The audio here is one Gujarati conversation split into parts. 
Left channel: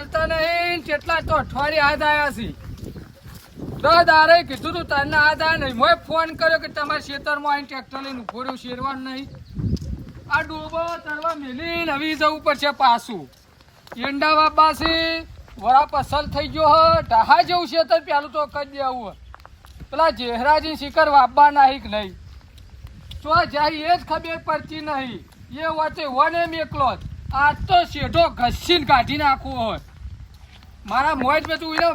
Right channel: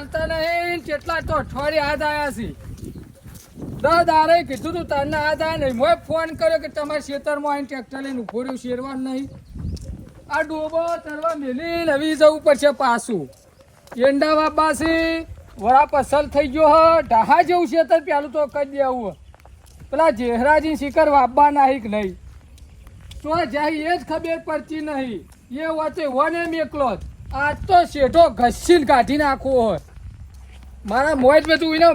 હાલતા નહીં કેટલા તો અઠવાડિયે હાથ આવ્યા છે તો દારે કીધું તું તને હાથ આવ્યા નહીં મેં ફોન કર્યો કે તમારા ખેતરમાં આવીને ટ્રેક્ટર લઈને ઉભો રહ્યું શેરવાનું નહીં આ ડોબો તરવા મેલીને હવે જવું પડશે પાછું એંડા બાબા છે વડા પસલ થઈ ગયો હ ઢાહા જેવું છે તો પેલું તો કહી દેવું પેલા જેહરાજી શિખર વાપવા નાહી કે નહીં તો જાય એ જ ખબર પડતી નહીં એ વાતે વને મેકલો જ આ તો શેઠો ઘસીને કાઢી નાખવો હોય મારા મોજ મેં તું એને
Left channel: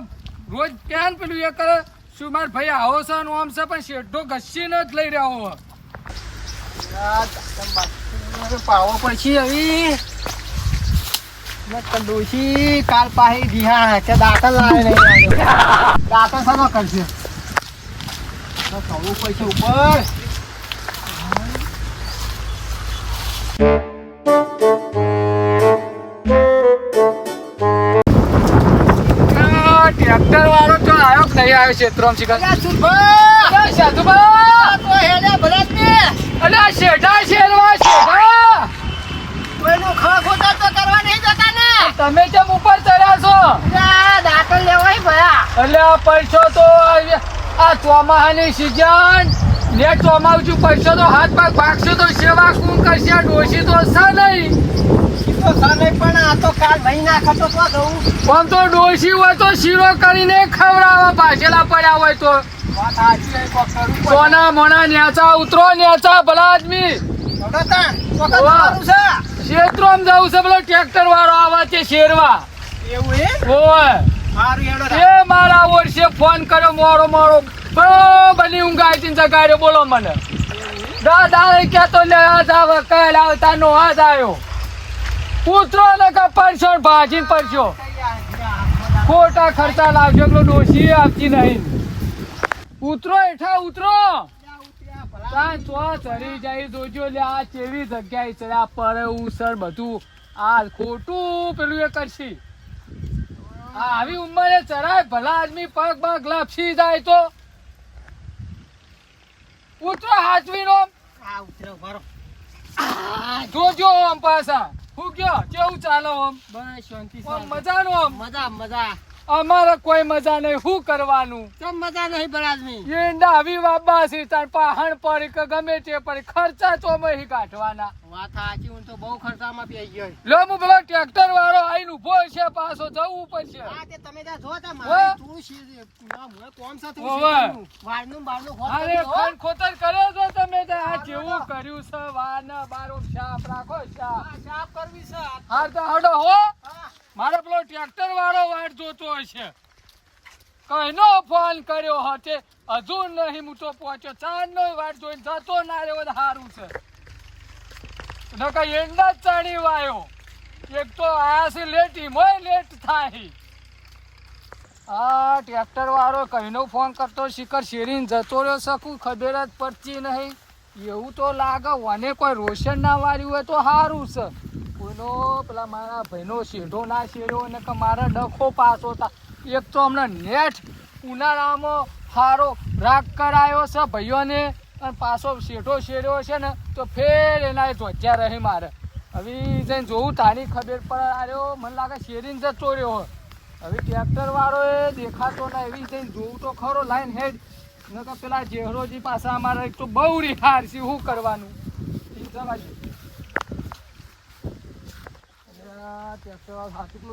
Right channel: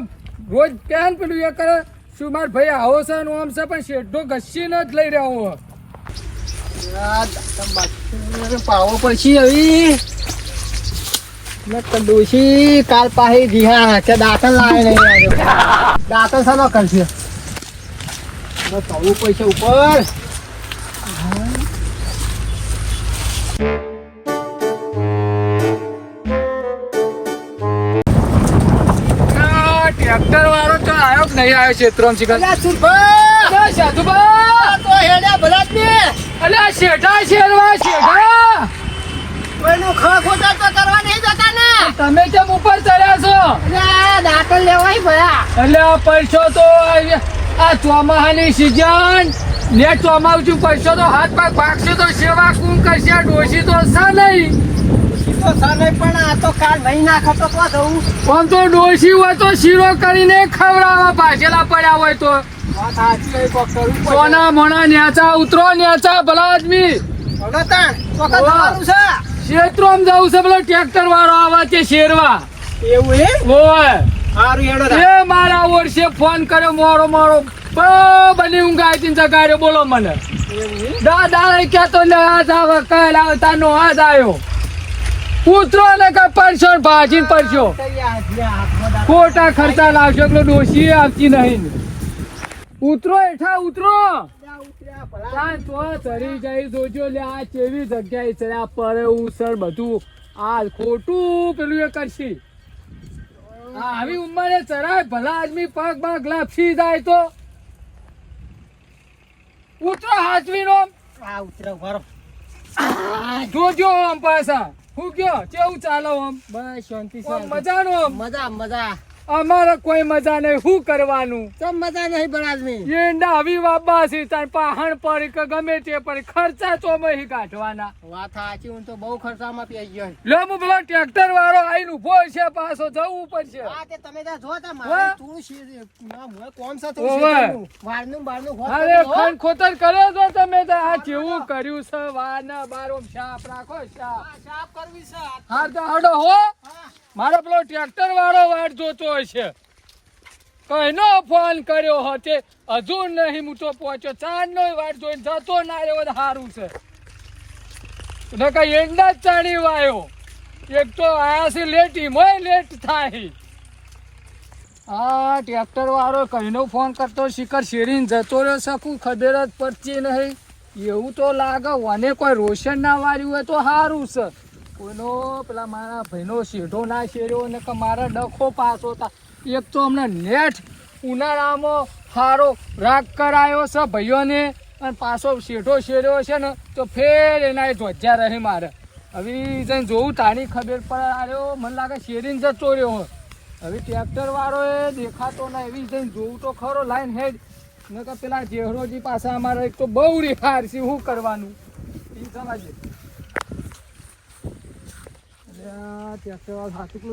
રોજ ક્યાં પેલું એ કરે શું માર ભાઈ આવો છે આમ છે પણ શેઠો ઘસીને જ લઈ રહ્યો હોય પાવો પછી આવી ડોશી કાલ પાહી દિહા કે દાખલ લાવે દાખલ સાનો કરશે કહું પૈસા ઉપર ટ્રેક્ટર વાળો તો આવ્યો કે નહીં આવ્યો ક્ષેત્રમાં શિખર અલ્યા શેઠા શેરવા શેઠા કોઈનું ખોટા તો કરવા નહીં જતા ને તમે કેમ ઉપર ચડ્યા છો દાખલ લેવાય ભયા એટલે આ પૈસો તો આ ચોમાહાની સિઝન ને ચોમાવતું પૈસો તો હાથ પગ ભાગશે તો સેવા કોણ કરશે આ ડોશી તો છે નહીં પણ આ તો કાલ મહિના ખાતો તો દઉં પણ તો ડોશી હોય તો શીરો કરીને ખવડાવવા ભાજેલા પડ્યા હોય તો વાત સાચી કોક કરવું પડે સોના મોના નેચા ઉતરો નેચા ભલા આદમી ક્ષેત્રમાં જવું છે પેલો ટ્રેક્ટર વાળો આવે છે શેરવા એવું હોય સારું હેડો એ મારા વર્ષે ફોન કર્યો મોડો મોડો બની ઊંઘ આવી જગાડ્યો બોલો મને દાદા કેતો ને હાથ આવે કહેલ આવતા નો હાથ આવ્યો ઉતરો ને કઈ પડશો ભાજી પડશો ખોટા ખર્ચા લાવશો પેલો ડોશી આવતી નહીં ઉતરો હેઠા ઉતરો ચડી જાય જોજો લે આ કેવી જગ્યાએ ચડ્યા પડે સર બધું આ ખોટું પેલું એ કરશે આવી ઉંમરે ચડાય ભલા આદમી પગ પગ લપસી જાય તો ઉતરો હાચવી નો જોજો આમ પાછા હું કયો કેવું ચાલો આમ બસ શાંતિ મજાનું આમ મજા અમારે કોઈ મજા નહીં શું કરવાનું ચમ મજા નહીં બરાદમી ઈંડા આવી વાબા છે તાર પહાણ પડી કે ગમે તે પડી ખર્ચા તો મહી કાઢવાના વાત સાચી હું તો બહુ ખર્ચામાં પી ગયો લો હું પેલો ટ્રેક્ટર વાળો આઈને ઉભો છે પાછો જવું પડશે હા તે તમે ત્યાં જોતા મારે તું કોમ સાથે વારનું અરે ખન ખોતર કર્યો તો તમે આ કેવું કર્યું છે વારના બારો સાફ રાખો સાફ કરવી છે હાર તો હડો હો મારો પેલો ટ્રેક્ટર વાળો વાટ જોતો હશે કઈનો ફોન કર્યો હતો હજુ નહીં હું તો પહોંચ્યો ચાંદ નો વાટ જોઈને જતો ના રહ્યો સારું છે કઈ એંડા જ ચાણી વાયો એક તો આયા છે લેટ મોય લેટ થાય હા ટ્રેક્ટર વાળો કઈનો ફોન કરતો શિખર શેરીને જતો રહ્યો શકું ખબર જ પડતી નહીં એવું તો લાગે મને કોઈ રોશન ના માર્યું હોય તો સારું છે કોઈનો પેલા મારા ભાઈનો શેઢો ના શેર્યો ને કે મારા ડખો પાસો હતા એક તો હમણાં નેટ ઉનાળામાં સારો રાગ કરાયો છે ભાઈઓને અને પાછો શેઢો શેર્યો છે ને તો ફેર એના ધ્વજા રહી મારે હવે જઈને જોવું તારી ખબર પડે આવ્યો મને લાગે શેરીને જતો રહ્યો હવે ટ્રેક્ટર વાળો એ દેખાતો ના એવી જઈને જોવું તો ખરો લાઈન હેડ ન કે પેલા જેહરોજી પાસે અમારે એક તો બહુ રિહાર છે શું કરવાનું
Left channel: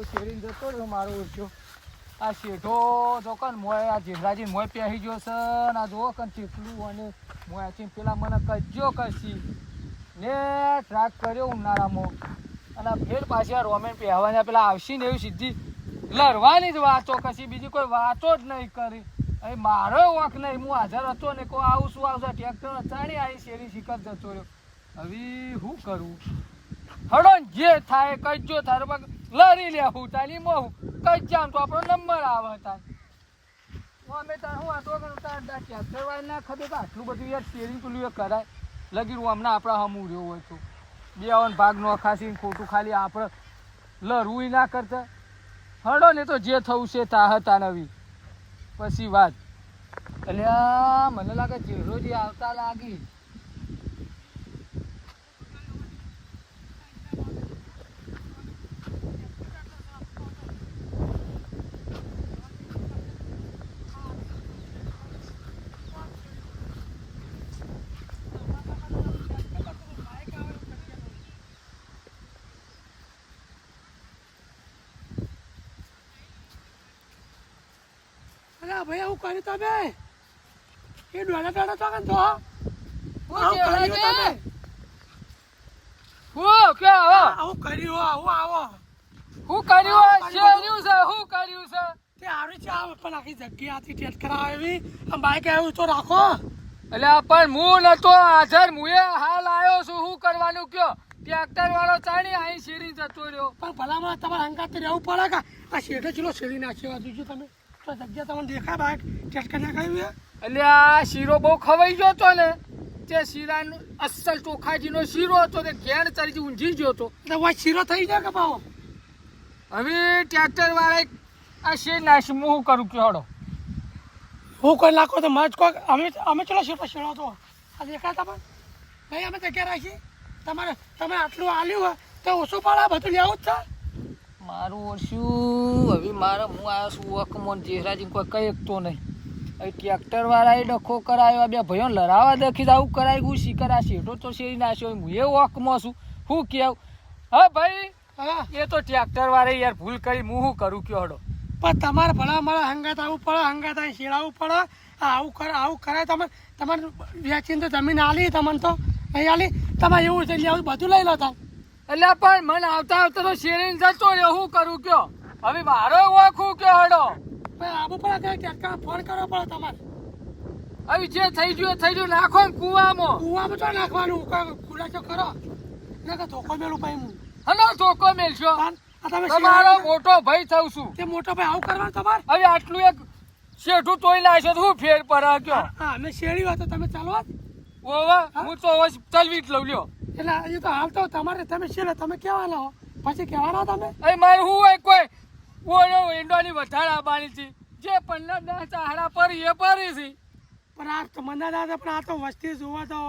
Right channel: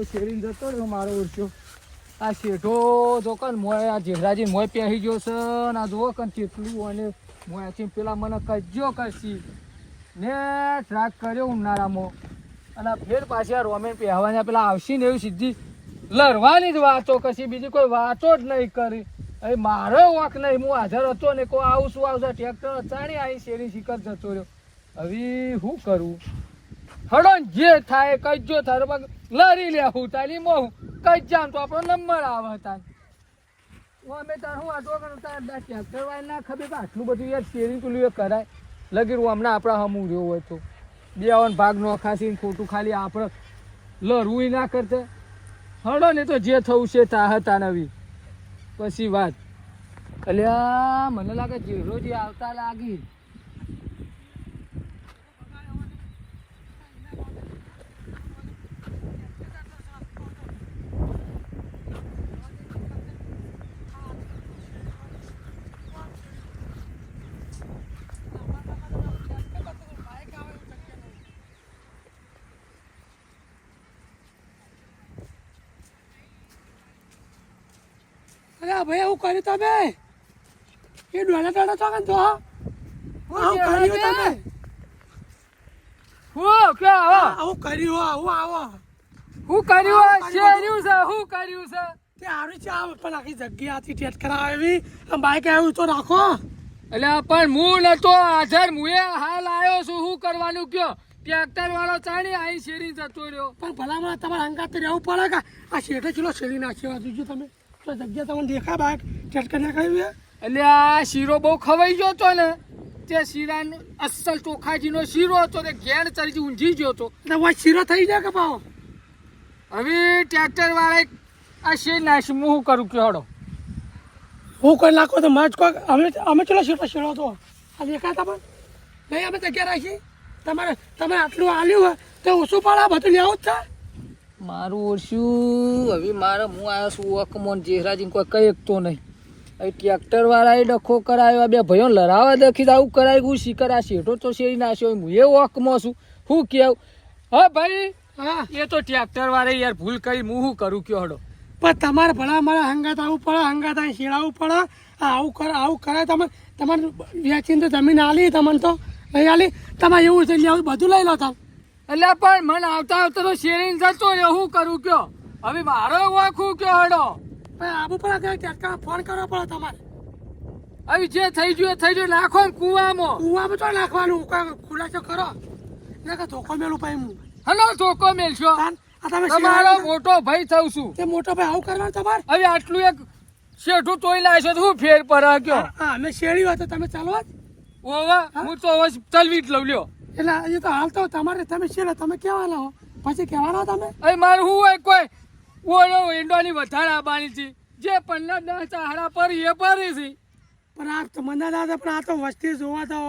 શેરીને જતો રહ્યો મારો ઈર્ષ્યો આ શેઠો જો કન મોય આ જેહરાજી મોય પહેરી ગયો છે ને આ જો કન કેટલું અને મોયાથી પેલા મને કજ્યો કરશી ને ટ્રાક કર્યો ઉનાળામાં અને ફેર પાછી આ રોમેન પહેરવાના પેલા આવશે ને એવી સીધી લડવાની જ વાતો કરશી બીજી કોઈ વાતો જ નહીં કરી હવે મારો વાંક નહીં હું હાજર હતો ને કોઈ આવું શું આવશે ટ્રેક્ટર અચાણી આવી શેરી શિખર જતો રહ્યો હવે શું કરું હડો જે થાય કજ્જો થાય પગ લરી લે હું તાલી મોહ કઈ જામ તો આપણો નંબર આવે તાર અમે તાર હું વાતો કરું તાર ટ્રેક્ટર વાળા ના ખબર કે આટલું બધું યાર શેરિંગ પેલું એ કરાય લગી હમણાં આપણા હમું રહ્યો હોય તો દેવાનો ભાગ નો ખાસી ખોટું ખાલી આપણે લરવું ના કરતા હડો ને તો જે થવું છે તા હતા નવી પછી વાત અલ્યા મને લાગે જેરોજી આવતા લાગી અરે ભાઈ એવું કર્યું તમે એ ડોલા દાડા તો તો આવું કર્યું તમે હું કે આવો આવું કર્યું આવું આવો હું કર્યું શેર્યું છે હું કર્યું છે તે હારું છે આ પણ આખી જગ્યાથી ટેટ કરાવી બાઈક આવ્યું તો રાખો એટલે પણ હું નતો હાજર મુએ હાલ આવ્યો છું હું કરવાનું કયો ટ્રેક્ટર વાળો ચાલી અહીં શેરી જતો રહ્યો પણ ભલામાં તમારે હંગાત રહેવું પડે કે આ શેઠે ચલો શેરી નાખ્યો જોજો તમે તો જગ્યા તમને દેખાય બાઈક ટેટ કરી નાખાયું એટલે આ શીરો બહુ ખવાઈ ગયો હતો ને તે શીરાનો અસલ ચોખાજીનો શીરો હતો તે ઘેર ચડી ઊંઘી ગયો હતો એટલે વાત શીરો થઈ જાય કે પાવો હવે ટ્રેક્ટર વાળા આ શેર નાખી હું શું કરું કે હડો હું કોઈ નાખો તો મજ કોક અમે ચલો શેઠો શેરો તો આ દેખાય તમે નહીં અમે જગ્યા રાખી તમે આટલું આલ્યું હોય તો ઓછું પડે બધું લેવું જ છે મારું ઓછું હવે મારે હું આવ્યો છું અકમોન જેહરાજી કોઈ કઈ એકતો નહીં હવે ટ્રેક્ટર વાળાએ ડખો કરાયો બે ભાઈઓ લડાવા દખી આવું કરાય ગયું શીકર આ શેઠો તો શેરી નાખ્યો હું એ વકમાં છું હું કેવું હા ભાઈ હા એ તો ટ્રેક્ટર વાળા યાર ભૂલ કરી હું શું કરું કયો હડો પણ તમારે ભલા મારે હંગાત આવવું પડે હંગાત અહીં શેડાવવું પડે આવું કરે તમે તમારે વેચીને તો જમીન આલી તમને તો નહીં આલી તમારે એવું છે આવું બધું લઈ લો તમે એટલે પણ મને આવતા આવતા તો શેરીને જતો રહ્યો હું કરું કયો હવે મારો વખું કયો હડો પણ આવું પડે કે ફોન કરવો પડે તમારે હવે જે થઈ ગયું નાખો ને કુવામાં કુવામાં તો નાખવાનું ખુલાસો કરો એટલે કે ધોકો મેળું પાઈ હું હલો ધોકો મેલશો આ તમે તમારો મોટો ભાઈ થઉં છું તે મોટો ભાઈ આવું કરવાનું તમારે હવે આટલું એક શેઠું તોય લાવશો તો હું ફેર પડે કયો હા અમે શેડી હોય તો તમે ચાલો ઓવા હું તો હવે ચલવી જ લઉં લ્યો એટલે એ તો હાલ તો તમારે તમે શેડે તમે કહેવાના હો પછી કહેવાના તમે હવે મારે હું હોય કોઈ ઓયો ઈંડોની વધારે આબાની છે જે 15 ચાહડા પરી એ પરી છે પણ આ તો મને દાદા પણ આ તો વસ્તી જોવા તો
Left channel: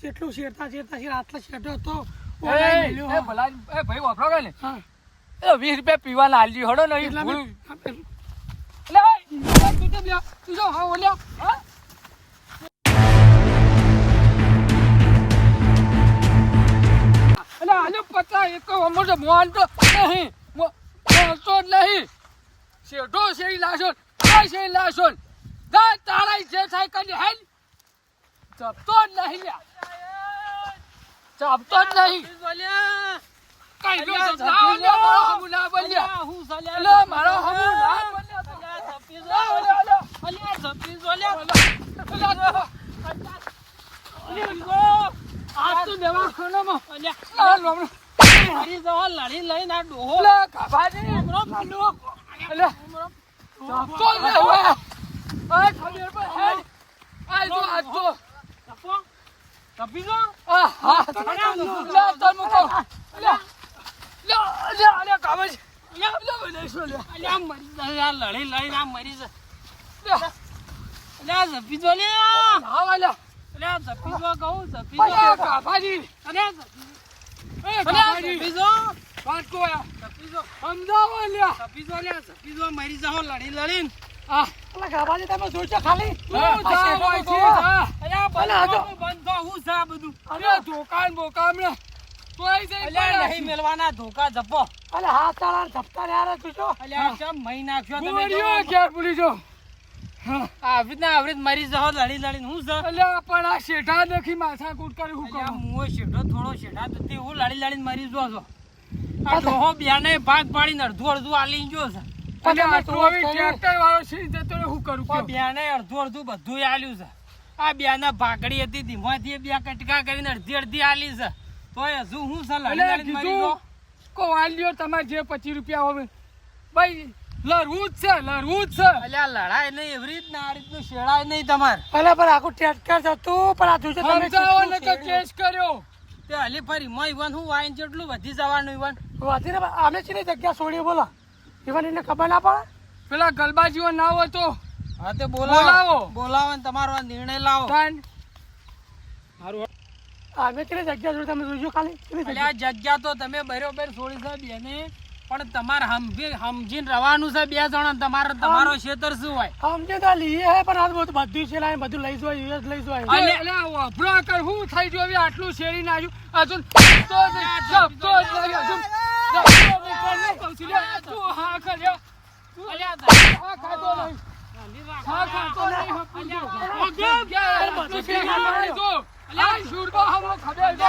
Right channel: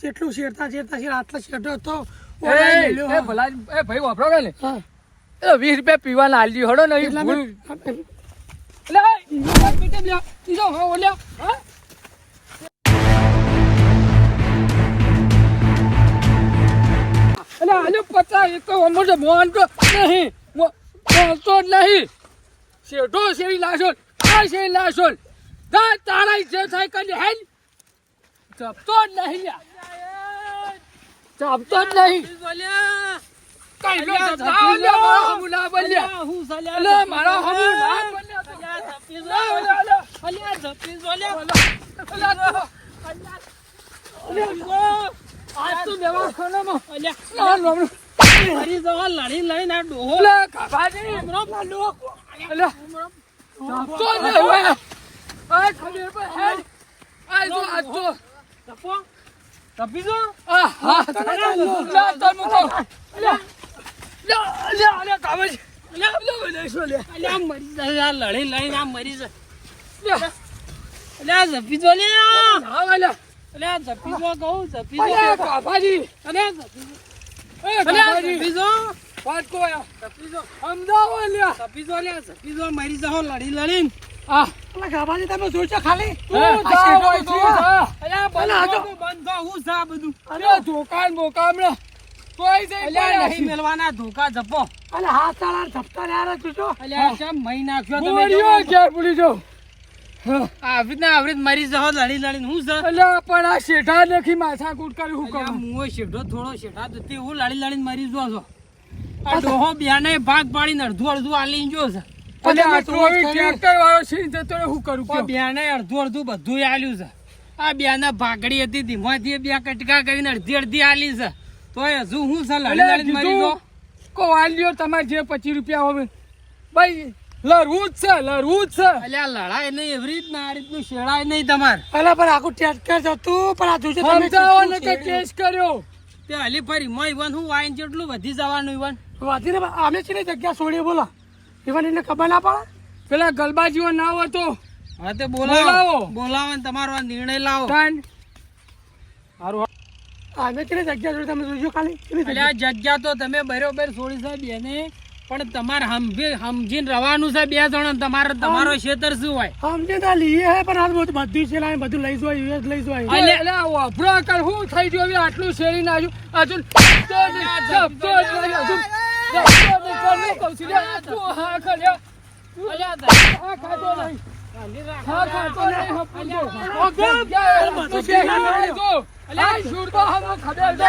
કેટલું શેરતા આટલો શેઠો તો એ ભલા એ ભાઈ વાપરો કે ને હા એ 20 રૂપિયા પીવાના આલી હડો ને એટલા ભૂલ મેં- એટલે તું કેમ લ્યો તું જો હા ઓલ્યા હા એટલે આલુ 50 એક તો અમર તો મોહન તો નહીં મોહનતો જ નહીં શેઠો શેરી લાશો કોઈ શેરી લાશો ગા તારા જે થાય કરી હેલ જપતો જ નહીં લ્યા જપતો જ નહીં કઈ લો જપતા લે મારો હમુ ના બોલ્યા હું સલ્યા લે મારો હમુ ના બોલ્યા આ તો દેવા ખાનામાં અલ્યા ના હરી જવા લડી લડી ના ડોહો લે કાબાજી અલ્યા તો ને હવે આ ખબર પર હેલ આ જો આ તો તપી જો હા લા તમ કો લ્યા લ્યા લ્યા કાબાજી લ્યા લ્યા લેશો લ્યા અલ્યા મરી જાય લડી લડી ના મરી જાય લ્યા અલ્યા જપી જો લે હા વાલા અલ્યા જપી જો કહું જપી જો અલ્યા કાબાજી અલ્યા જપી એ કાબાજી જપી જો વાત કો આ જપી જો અમદાવાદ લ્યા જપી જો મરી જાઓ લડી લડીને આ અલા ગાબાજી તમે જોઈજો ખાલી તું જા હોય તું જા અલ્યા બંધ હું સા બધું અરે દુકાન બોકામણે તોય જઈ અલ્યા નહીં પડ્યા મેલવાના ધોકા જપો અલ્યા હાથ ચાલા જપતા રહ્યા જોજો અલ્યા કેમ મહી નાખ્યો તમે મોરિયો ક્યાં ભૂલી જો આવરી મરી જાઓ લડી લડીને હું સા અલ્યા પણ આ શેઠા નથી માથા કૂટ કરી હું અલ્યા કહું મુઓ શેઠો થોડો શેઠા તો હું લડી લડીને મરી જો છો આ ડોહો બ્યાને ભાગ પાડીને અડધું આલી જો છે અલ્યા આટલું હવે ટ્રેક્ટર વાળો છે જતો રે હું કરું પણ કયો બ્યાને અડધું બધું આલ્યું છે આ બ્યાને ભાગડી હતી ધીમાથી બે કટકા કરીને અડધી આલી છે તોય હજુ હું છે લડી લડીને મરી જો કો વાલ્યો તમારે જે 25 રૂપિયા હવે ભાઈ લડવું જ છે અલ્યા લડાય નહીં એવી રીતના આ રીતનું શેડાય નહીં તમારે અલ્યા પણ આખું ટ્રેક્ટર જતું પણ આ જોજો સમજાવો ને કે કેસ કર્યો તે હલી ફરી મય વન હું વાઈન જેટલું વધી જવાનું ઈવન વધીને અમે છે ને જગ્યા છોડી બોલો ઈવન એને ખબર ના પડે પેલા ગલબાજીઓ ના હોય તો હા તે બોલાવો. બોલાવો ને તમારો આ નિર્ણય લાવો તાન સારું અમે છે ને જગ્યા છોડી તમે જોજો ખાલી અલ્યા જગ્યા તો તમે બરોબર છોડી છે બેને પણ તમારે સમજીને રવાનું છે બે જણા તમારો ક્ષેત્ર શું હોય સમજી તો લઈએ હે પણ આ બધું છે ને બધું લઈ જોય લઈ જોય અલ્યા વાપરો કર હું થઈ ગયું હવે આટલું શેરી નાખ્યું હજુ તો જપતો જ નહીં હજુ જપતો નહીં કરવું કહું છું લે તું હા કર્યો અલ્યા હા ખાતો નહીં હા, ખાતો નહીં, હપું જો. જગ્યાએ રસ્તો છે, અહીં જો. આ શૂરતો હમો ખબર છે.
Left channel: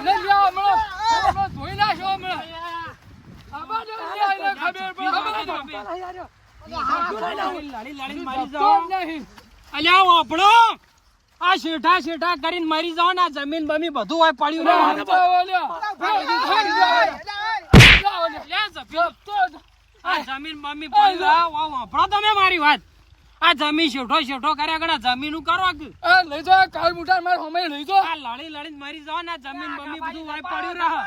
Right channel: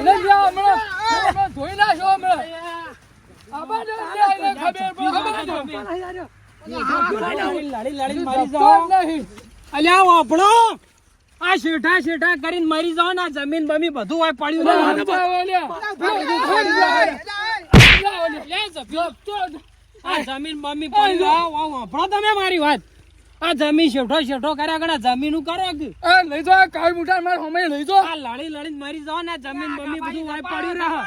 મને લ્યો હમણાં. હમણાં ધોઈ નાખો હમણાં. આમાં જો લ્યો એને ખબર પડે. હમણાં જો. લડી મારી તો જાઓ જ નહીં. અલ્યા વાપડો આ શેઠા શેઠા કરીને મરી જાઓ ને આ જમીન બમી બધું હોય પડ્યું ના, ને સમજાવો લ્યો. આ જમીન બમી પડી વાપડો તમે મારી વાત આ જમીન શેઠો શેઠો કર્યા ગણે જમીન કરો કે એ લઈ જો આ કાળ મુઠા માર હમે લઈ જો. આ લડી લડીને મરી જાઓ ને આ જમીન બમી બધું હોય પડ્યું રહે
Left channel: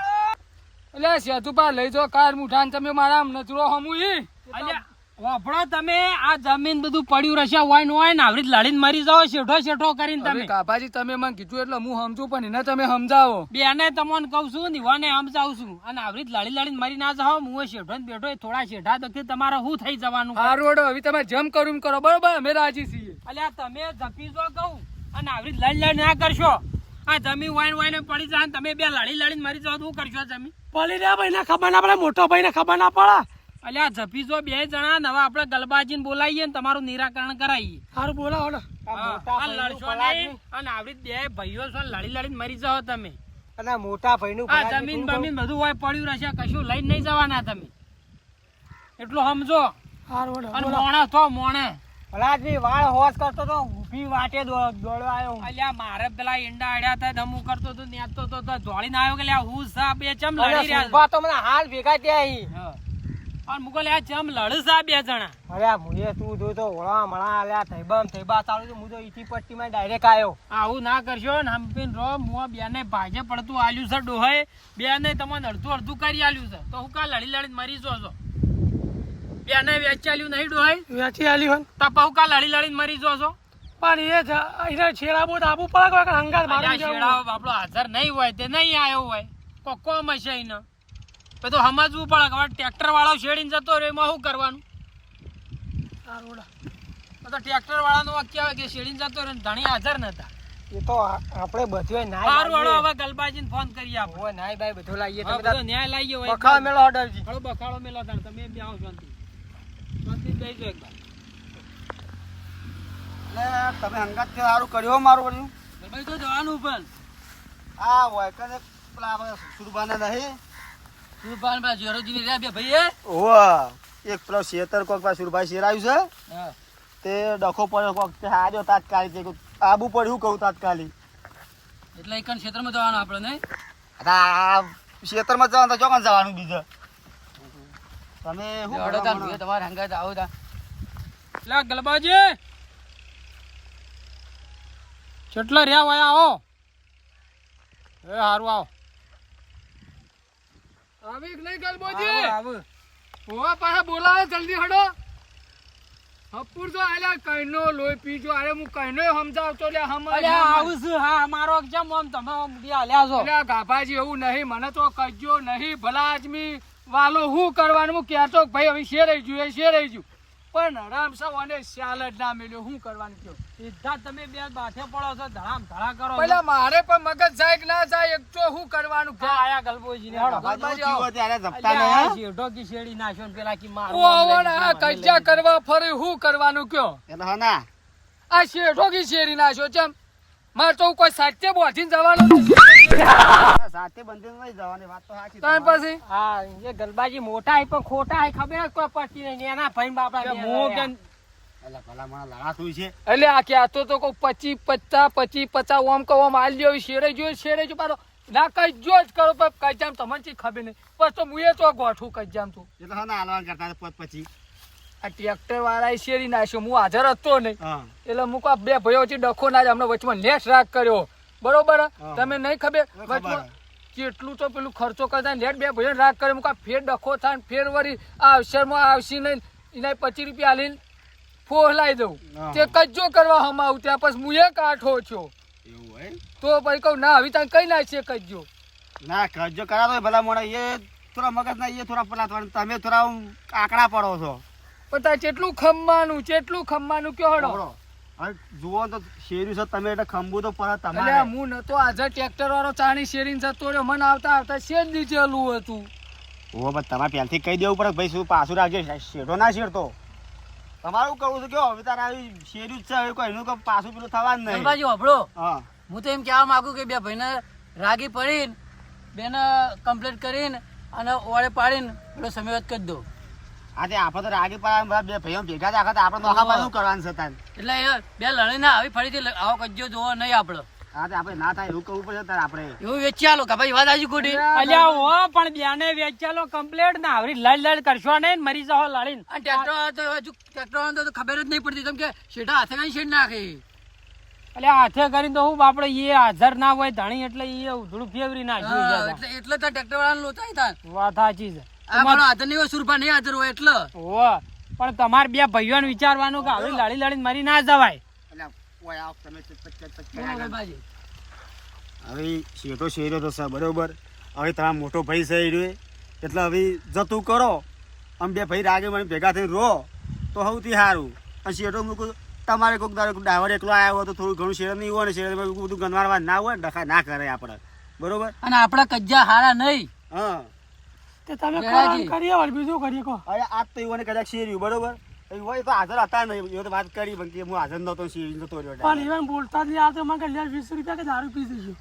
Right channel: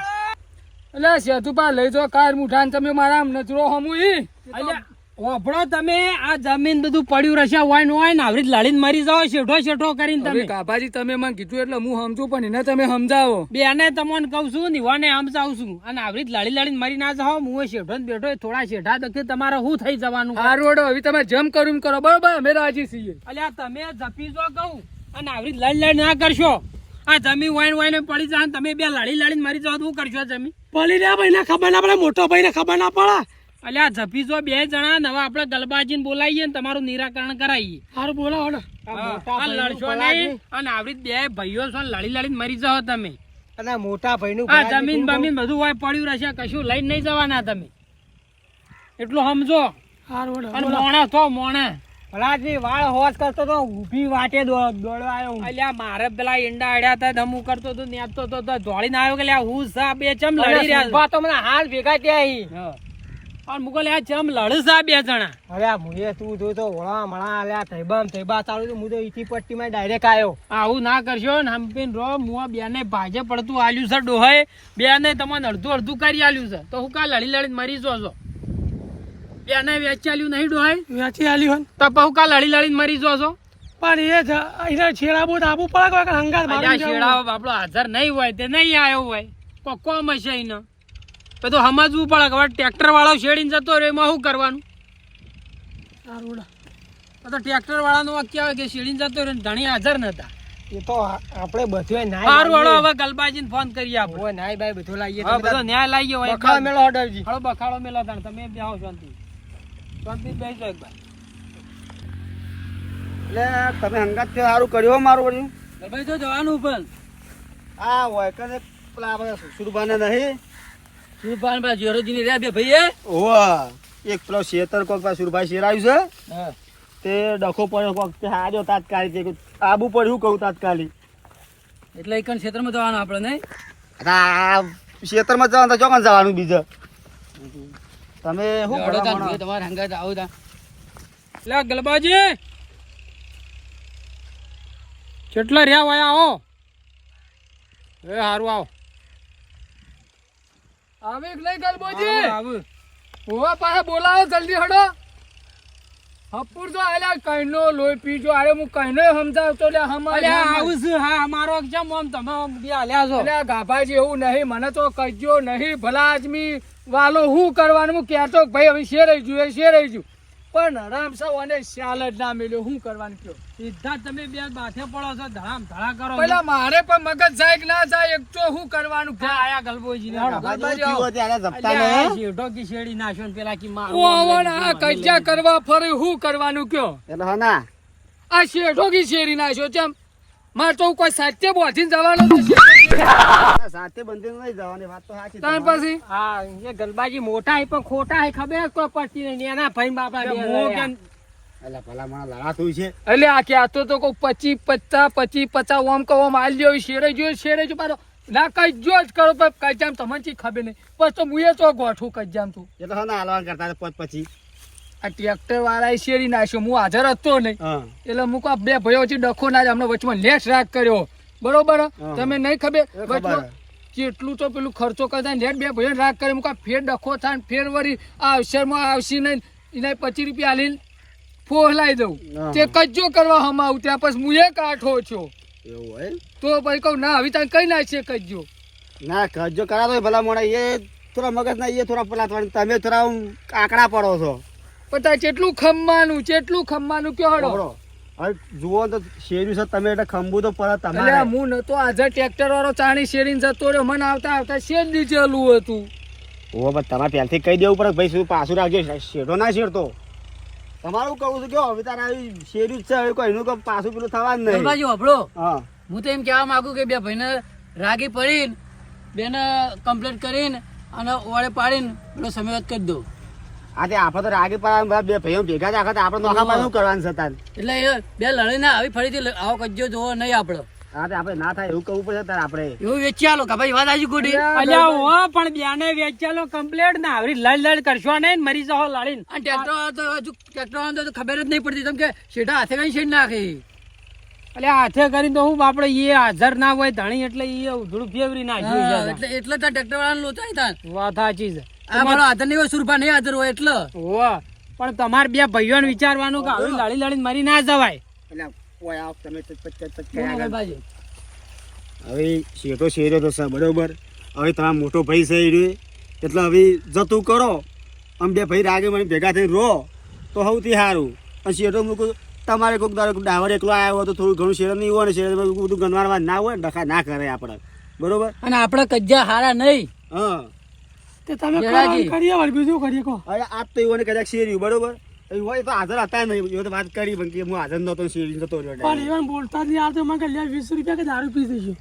એટલે સેતુપા લઈ જો કાળ મુઠા ને તમે મારા આમ નજરો હમું ઈ. અલ્યા વાપડો તમે આ જમીન બધું પડ્યું રહેશે હોય ને હોય ને આવી રીતે લડીને મરી જાઓ શેઠો શેઠો કરીને હવે તમે કાભાજી તમે મને કીધું એટલે હું સમજુ પણ એને તમે સમજાવો. બેને તમને કહું છું નિવાને સમજાવું છું અને આવી રીતે લડી લડીને મરી ના જાઓ હું શેઠો ને બેઠો થોડા શેઠા દખી તમારે શું થઈ જવાનું હારું હેડો, હવે તમે જેમ કરું એમ કરો બરોબર, અમે રાજી છીએ. અલ્યા તમે જપી જો કહું અને આવી રીતે લડી લડી ના કરશો આ જમીન વાઈન વાઈને પડી જાય ને તમે બે લડી લડીને મરી જાઓ તો શું કરશો જમીન પડી રહ્યા ભાઈને ખબર ના પડે, મોટો ભાઈને ખબર ના પડે. અલ્યા જપી જો બે જણા ને હવે આપણે ગલબાજીને બોલાવીએ ને તમારું નિરાકરણ કરાવીએ હારું બોલાવો ને. આ લડશો નહીં અને આવી રીતે બે ભાઈઓ છો ને લડી લડીને મરી જાઓ તમે અને મોટા ભાઈનું આ જમીન બમીન બધું હોય પડ્યું રહેશે કશું લઈને નહીં જવાના તમે એટલું સમજો હારું અને મોણા થો મોણા ભલાજી વાળ હોશ કરતો તો ઊભી વાટે દોડવા આવ્યો. અલ્યા મારે પેલા ઈંડા અડ્યા હતા ધમુ કરતો તો નેતો તો દોડીને આવ્યો કે લ્યા હું સા બે ચમ લડી રહ્યા ઉભા તો મને હાલ ભેગા ત્યાં છે અને મુકો લ્યા ચમ લડ સા બે જણા અરે મુએ તું જોતો ઓળા મળા અલ્યા થઈબા તારું હું તો ઈથી પટ્ટીમાં ડાયરેક્ટ આવ્યો. આવું ના કરશો ને હંપીન રો મુआ બેને ભાજે પડતું આલ્યું છે ડોહાએ બેને તમને અડધું અડધું કરી આલ્યું છે તો હું કા લડી લડીને મરી જો છો બેને વેચી આલ્યું નહીં ડોહાએ વેચી આલ્યું તો હું કા લડી લડીને મરી જો છો પણ એ એના છેડા બહુ આપવું પડે કે હંગાત અલ્યા શેડાઓ આપણો હાજર નહીં હોય તે નહીં આવ્યો હોય કોમ હશે એને તો સમજવું પડે કે હવે ટ્રેક્ટર વાળો શેડીને જતો રહ્યો એમાં શું કરવાનું તો ટ્રેક્ટર વાળાનો વાક્ય આવે કે શેડીને જતો રહ્યો ને ધણી હાજર નતા એ તો આપણે બધું સારું વાળો હવે ગલબાજીને ફોન કરીએ આપણે હોય નાય બાય બધું લાવીએ હવે બધો ન્યાય લાવીએ હોય બખાડો મેળો ઓર્ડરજી. હળો બખાડો મેલો તાણ તમે જાઓ શાંતિ શાંતિ બેસી જાઓ એકવાર એટલે તમે હંગાત થી સારું કર્યું મારું કર્યું. ગલબાજી તો જવાનું પણ આ હોય કે પેલા આપણે સુરભાને નહીં સુરપાન પા જેરોજીની રહ્યા બે ભાઈએ. ઓવા એક પેલો શેતર કોક પાસે સુરભાઈ શેરાયું છે તે ડખો પડ્યો કોક તે હાર્યો તાત્કાલિક તે આબુ પડ્યું કહું તાત્કાલિક એટલે એકન ક્ષેત્રમાં જવાનું આપણે નહીં. આ ક્ષેત્રમાં જવાનું તો ચોકન જવાનું બીજે તમે શું હેડો તાન કરો ભાઈ, તમારે હંગાત આવો તાન. લે ગલબાજી કેટલા રહ્યા હોય આવો એ હારું આવો આવે કે નહીં ગલબોજી? આવું ઓવા પાસે બોલાવો જલ્દી હડો. હપુર જો આયલા કઈનો લોહી પીજો. અરે હું કઈનો સમજાવતો લે હમ અલ્યા આવું છે હા અમારો કેમ આમ તમે આમ બધી હાલ્યા છો એટલે ગાભાજી એવું નહીં, મને તો કહેજો નહીં. ભલા આદમી વાલો હું કરવાનું હું કહેતો કે ભાઈ હવે શેરાઈ ગયું શેરાઈ ગયું પણ હરામ સાવ અને સ્યાલ જ ના મેલ્યો. શું કરવાનું કયો? સીધા તમે બે બાથે પડો છો ધડામ ધડા કરો પેલા મારે પણ મગજ જાય કે ના જાય એક તો શું કરવાનું કે આયા ગલબોજી ને શેઠો કી શેડી નાખ્યો ને પેલા કી માર ઓવણ આ કજ્જા કરવા ફરે શું કરવાનું કયો? આ શેઠો કી શેરી નાખ્યો ચમ મારે તો કોઈ સાચે બોધીને જવાનું સાથે બંધ નહીં જવાની વાત તો સાચી ત્યાર પછી હા એ ગલબાજી મોટા હે પણ ખોટા હે ખબર જ કોઈ પડતી નહીં એના ભાઈ બાપા બે રહ્યા. અલા ભલા મને લડા થયું છે એટલે આ કહેતો તો કોઈ 25-50 ઓમ કહો માલ્યો શેરે જો પાછો ના કજ્જો જ કરો પણ કજામ તમને ચી ખબર નહીં બસ તો મુએ તો ગોઠું કજામ તું એ તો હા હાલવાન કરતા હતા પછી આ ટ્રેક્ટર વાળાએ શેરી નાખ્યો હું હાજર હતો નહીં હા એટલે મૂકો બે ભાઈઓ વચ્ચે ડખો ના જ હમણાં વચમાં લેસ રાગ કર્યો બરોબર તમે નહીં ખબર વચમાં કેટલું તો પેલું ખર્ચો કરતા લેટ બે ભાઈઓ રાગ કરે મૂકા ફેર ડખો થાય ફેર વળી આ અવસરમાં આવશી નહીં એના 25 રૂપિયા હાલી ફોહલાઈ દઉં તે કજ્જો કરવા હમ આવું ત્યાં પછી મુએ કાઠો છો એવું હોય તો પછી કહું ના હવે ત્યાં કઈ નાખીએ કજ્જો ના કરજો કરાતો ભલા મોડા એ થોડા મગજ ના એ થોડા પેલા તમે થોડા આંકડા પડો છો પણ ત્યાં કેટલું ખમવાનું કયો હડો હવે જુઓ તો શેર્યું છે તમે એટલે ખંભું તો પડે એટલે તમારે હું નતો આજે ટ્રેક્ટર વાળો ચાણી શેરીને જતો રહ્યો મને આવતા શેર દીધેલું હતું ઓ બસ તમારે પહેલથી કહી દેવું પડે ભાઈ શું પાછું રાખજો શેઠો ના શેરતો તમારું કહું છું કે હવે તારે આવી શેરી જ છે હવે કોઈનું કોઈ પાછું પેલું થવાનું નહીં ગલબાજી હોભળો, હા હું તો એમ કહેવા માંગુ કે બે ભાઈને રાગી પડીને બેને કમ્પ્લીટ કરીને અને ઓળે પાડીને પેલો સમયવાદ કરી દો. આ તે આપણે તો રાગી પાડવા બે ભાઈઓ ભેગા જ આખા તો આપણે નોખા પાછું કરવાનું છે તાર એટલે એ બે લડીને આવી ફરીથી આવો કજ્જો જોવો નહીં આપણે. હા તે આપણે ના થાય એવું કરવું પડશે તાર આપણે એવું વેચી આલો કે ભાઈ વાત આજુ ગોડી અલ્યા હો પણ બેને વેચાલો કમ્પ્લેટ ને આવરી લાડ લાડ કરશો નહીં મરી જાઓ લાડીને. અને ટ્રેક્ટર તો હજુ ટ્રેક્ટર તો ખબર જ નહીં પડતી તમે કે શેઠા હાથે કરીને શેઠ નાખી. એટલે હાથે કરીને તો હું આપડે એ હાજર ના હોય ધણી એટલે એ થોડું ફેવરી હા, નાખ્યું. એટલે તો ટ્રેક્ટર વાળાને લોચાઈ થાય. વાત સાચી છે. આ મારો હાથર નહીં હોય, સુરભા નહીં હાજર હોય એટલે. હોવે. પણ તમારે બે ભાઈઓને વિચારવાનું કે આવરી લાડી લાડીને મરી ના જવાય. એટલે ઓય આવ તમે બોલો ગલબાજી. હવે શેઠો શેર્યો તો સર બરોબર હવે તમારો મોટો ભાઈ છે એ રહ્યો. એટલે હવે જતું કરો આમ બે ભાઈ રાગે મને ભેગા થઈ રહો તો સૌથી સારું. અને શેઠો મૂકું તમારે કોઈક દાડો ડાવર એકલો આવ્યો હોય તો થોડું ઘણું શેર નહીં હોય ને શેર બધું ગંદવારવા ના હોય ડખા ના કરે આપણે બરોબર. અને આપણા કજ્જા હારા નહીં. હા તે તમે જરાજી. કામ કરીએ વળી બીજું કરીએ કહો. અરે આજ તો એવું કદાચ શેર્યું બરોબર એ હોય તો હાજર હતા નહીં એ તો વાત કરી પણ કે હું હાજર નતો શેરી જતો રહ્યો પણ direct. even બોલતા જ નહીં આવતો મને કે લે 20 રૂપિયા કે દારૂ પી દઈશું.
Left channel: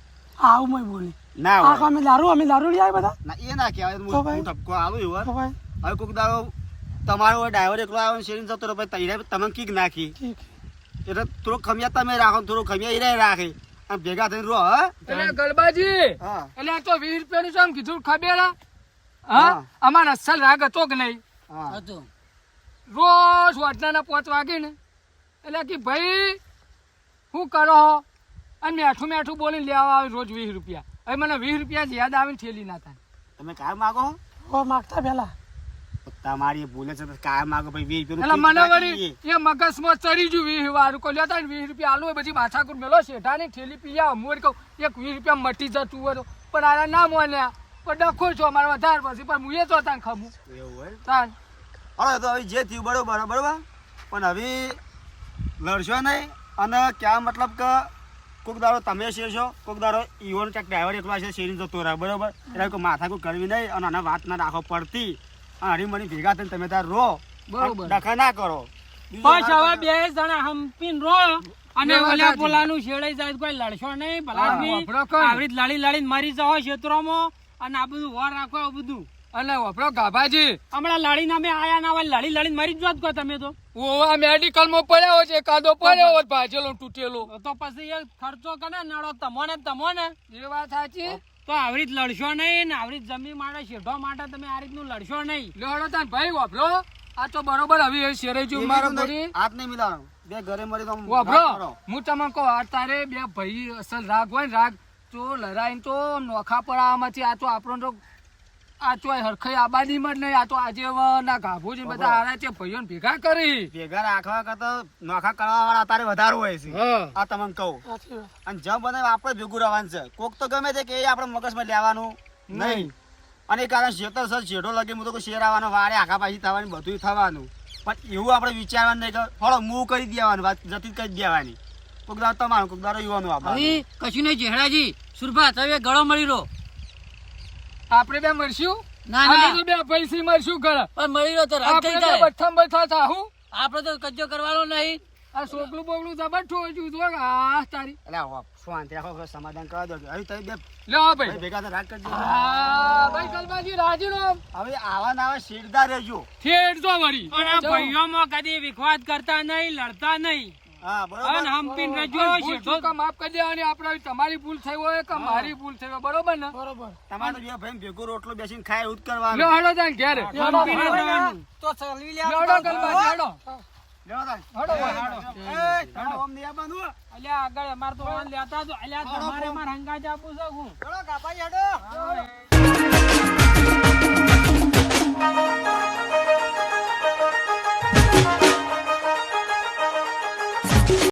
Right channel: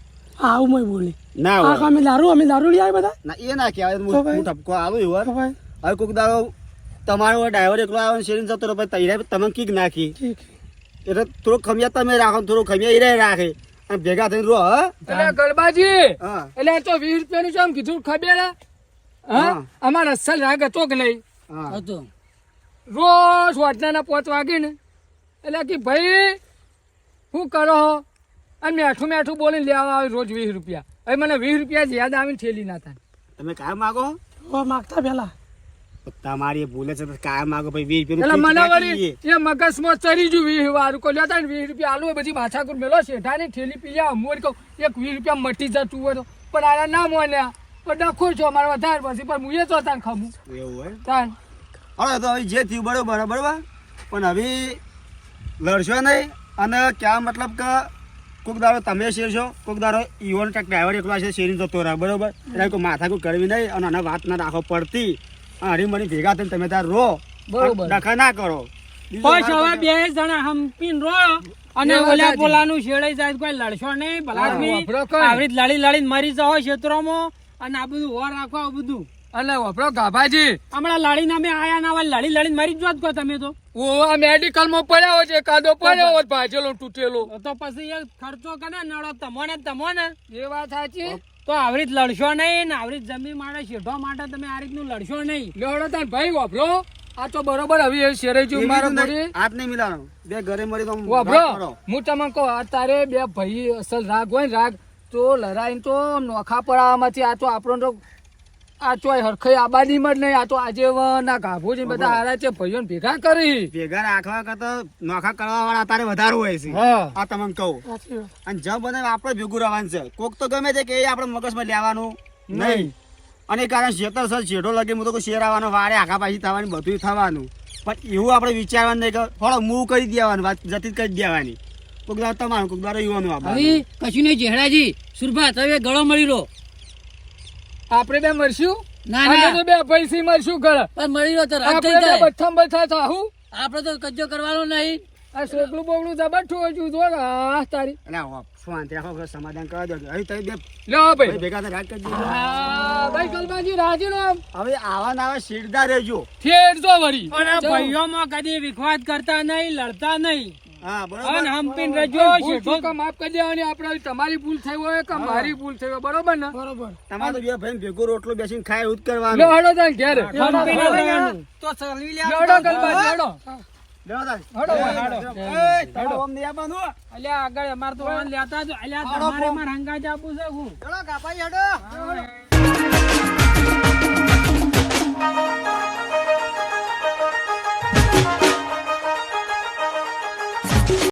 આવું મેં બોલી. ના આ હોય અમે દારૂ લઈ આવ્યા બધા. ના એ ના કહેવાય તો ભાઈ. હું ઠપકો આવું તો એવું ભાઈ હવે કોઈક દાડો તમારો ડ્રાઈવર એકલો આવ્યો શેરી જતો રહ્યો પછી તૈયાર તમે કીક નાખી ઠીક. એટલે થોડું ખમિયા તમે રાખો થોડું ખમિયા એ રાખે અને ભેગા થઈને રહો હા એટલે ગલબાજી હા એટલે આ તો 20 રૂપિયાનું શું આમ કીધું ખબર હે? હા હા. અમારા અસલ રાગ હતો કે નહીં હા હતું. રોજ વાટનાના 5 વાગે ને એટલે કે ભાઈ શું કરો હો? અને મેઠું મેઠું બોલીને લેવા આવે રોજ 20 રૂપિયા. હવે મને 20 રૂપિયા જ યાદ આવીને ઠેલી ના થાય. તમે કાયમ માગો હો માગતા પેલા તમારી એ ભૂલે છે તો કાયમ માગો ભાઈ 20 એટલે મને રૂપિયા વળી એ મગજમાં ચડી ગયું 20 વાળું કોઈ લેતા ને 20 રૂપિયા આલુ હોય બધી માથાકૂટ મેલો શેઠાની ઠેલી પી જા હું વળી કહું એક 20 રૂપિયા મટી જતું હોય તો પણ આરા ના મોન્યા પણ ડખો છો અમારે વધારે પછી પણ હું એ તો તાન ખમું એવું હોય તાન હવે તો હવે જે થયું બરોબર બરોબર પણ હવે લડશો નહીં અને ક્યાં મતલબ કે કોઈક દાડો તમે શેરશો કોઈક દાડો ઈવન ક્યાંક ડ્રાઈવર એકલો છે શેરી જતો રહે બરોબર એટલે કોઈ માથાકૂટ કરવી નહીં અને આને વાત ના રાખો પડતી અને હરીમણી ભેગા થઈને તમે તાર રહો બરોબર. ડખા ના કરો બીજું બસ વાત હવે કરો. 2 જણા હંપીને રો અને એ વાત ઓલા સાચી. પોલાનું શેડાઈ જાય તો કોઈ લડશો નહીં ભલા હા, આદમી. વાપરો કઈ. આવી રીતે લડી લડીને મરી જાઓ ક્ષેત્રોમાં અને આ બધું હોર રાખો આ બધું. અને વપરો ગાભાજી હમણાં લડીને અમે આયા ના હોય લડી લડીને મરી જ જોત કો તમે તો. ઓ આ મેડિકલમાં પડ્યો છે કાદો પડ્યો હોય ભાજેલો તૂટેલો તો પછી એ ખર્ચો કરે નડો તમોને એ વાત સાચી તો આવી રીતે લડશો નહીં ને આવી રીતે જમીન માટે શેઠો માટે તમે આ રીતનું લડશો નહીં. લેવડો તાન ભાઈ વપરો આ તો બરોબર હવે એ શેરાઈ ગયું મારો એવી ઘરે હાથ નહીં મિલાવાનો બે ઘરે મળી તો આમ વપરો વાત કરો. હું તમને કહું આ તારે બે ભાઈ અસલ રાગ હોય ને રાગ તો લડાઈને તો નોખા પડાવવામાંથી આ તો આપણો તો આ તો હરખાઈ આબાદીમાં જ નહીં આ તો આજેવના ગાભો છે બધા હારા છે ભાઈઓને ભેગા કરી ભેગા રાખવા કરતા નોખા કરવા વાળા તારે વધારે હોય છે હા આ તમને કહું સાચી વાત. અને જબ બને આપણે ભેગું રહેવાનું છે કોક તો ગમે છે કે એ આપણે મગજમાં લેવાનું નહીં અને એ કારણ શેતર સર શેઠો લગે હું તો કોઈ શેર આવવાનો વારે આખા પાછી થવાની બધું થવાનું પણ એવું આપણે વિચારવાનું નહીં કે થોડો મૂવ કરી દેવાનું વાત જતી જ કરી દેવાની કોક દાડો તમારું કોક દાડો યુવાનું આપવાનું હવે કશું નહીં જેહડાજી. સુરભા તમે ગળો મળી રહો. આપણે બે મરશું ના અમે ના તો બે પૈસી મરશું ઘર પણ મળી રહો તો રાત આપણે થઈ બે જાય. બથ્થામ બથ્થા થાહું આપણે તો કજ્જો કરવાનો નહીં. આ છોકરું બોકડું જબરઠું હજુ જો આ તારી એટલે શાંતિ રાખો સમાધાન કરવા દો હવે તમે બે લે આ ભાઈ ભાઈ ભેગા થઈને રાત કરી દેજો. હા ભાઈ ગલબાજી રાજી નો હવે આવા ને આવા શેરદાર રહેજો ઠેર જો વળી અને ભાઈઓમાં કદી વિખવાદ કરતા નહીં લડતા નહીં હા અને બરોબર હંપીને રહેજો ભૂલ શેઠો. ચૂક માફ કરી દેવાની આપણે તમારી ભૂલ થઈ હોય કે મારી ભૂલ થઈ હોય બરોબર ને બરોબર. તમારે તો બે ભાઈ ભેગો રોટલો બેસીને ખાય એવું જ લે કરવાનું હડો તાન ઘેર હંપીને રહેવાનું. લેવડો ગલબાજી હડો લેવો તાન. હડો ભાઈ, હડો એ, તમારે આમ નહીં આવવાનું હો. અલ્યા આગળ અમાર તો વાન લેતા જ અલ્યા તમારે માર હંગા જ આપું છે હું. ચલો કાપાઈ હેડો.